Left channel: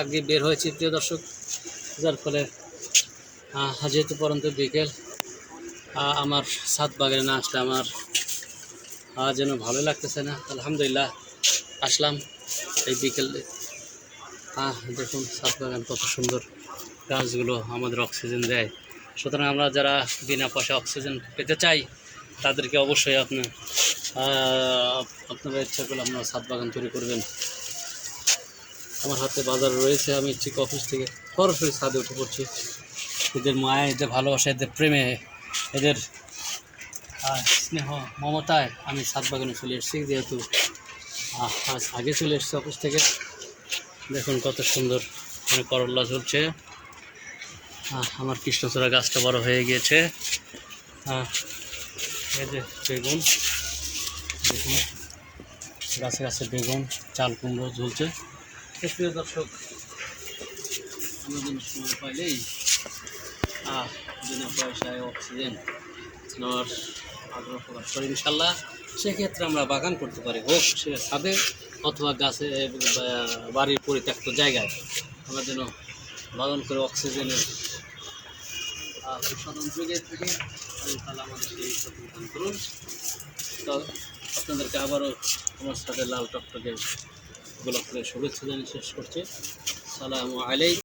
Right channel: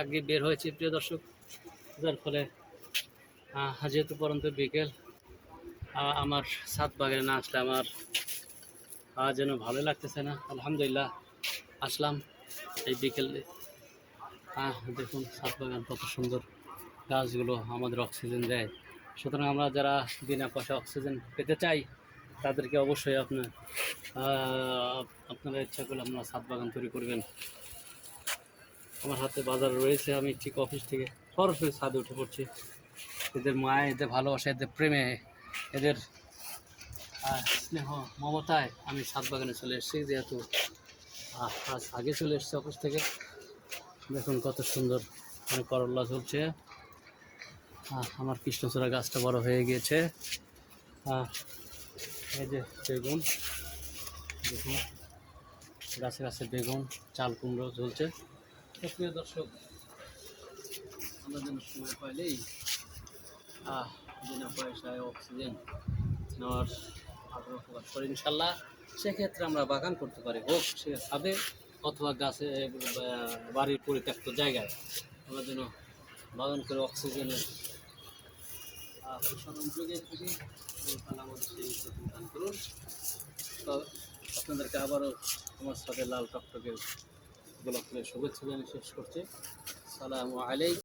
আগে বের হয়েছি প্রিয় দর্শক, যার ফলে যেহেতু পরন্ত বিকেল, আমার ছাদ বাগানে না আসলে আমার যেন ভালো লাগতেছে না। আলহামদুলিল্লাহ আসলাম এই বিকেলে। দেখুন ছাদ বাগান কত সুন্দর, গাছগুলো আমাদের অক্সিজেন দেয়। সুতরাং আমরা যারা বিনা পয়সা অক্সিজেন পেতে চাই তাদেরকে অবশ্যই আপনারা ইচ্ছা করলে আপনারা ছাদ বাগান তৈরি করবেন। আমার হাতে বাজার রয়েছে, আমি ঠিক অফিস থেকে সরাসরি ছাদে উঠে পড়ছি। এদের মায়া, এদের ভালোবাসা, এদের প্রেমে, এদের স্নেহ মমতায় আমি ছাদ বাগানে চলে এসেছি। যেহেতু আজ আগে চলে এসেছি অফিস থেকে। দেখুন কত সুন্দর মানে করল্লা ঝুলছে। আমার কৃষ্ণচূড়া গাছটা বড় হয়ে গিয়েছে। এই যে বেগুন, দেখুন গাছে গাছে বেগুন, চাল কুমড়ো ঝুলছে। প্রিয় দর্শক, আমরা যেন সময় পাইলেই বিনা পয়সায় অক্সিজেন নেওয়ার আগ্রহ প্রকাশ করি ইনশাল্লাহ। সেক্ষেত্রে আমরা বাগান করতে পারি, হোক সে ছাদে অথবা গাছে, বাড়ির পরিত্যক্ত জায়গায়। আমরা যেন বাগান করে অক্সিজেনের প্রসাধন যোগে থাকি। তাহলে আমাদের সেই প্রতিদান করুন। তো আপনাদেরকে আবারও আমার সাথে লাল টকটকে গোলাপ ফুলের শুভেচ্ছা জানিয়ে শেষ করছি। সালামু আলাইকুম।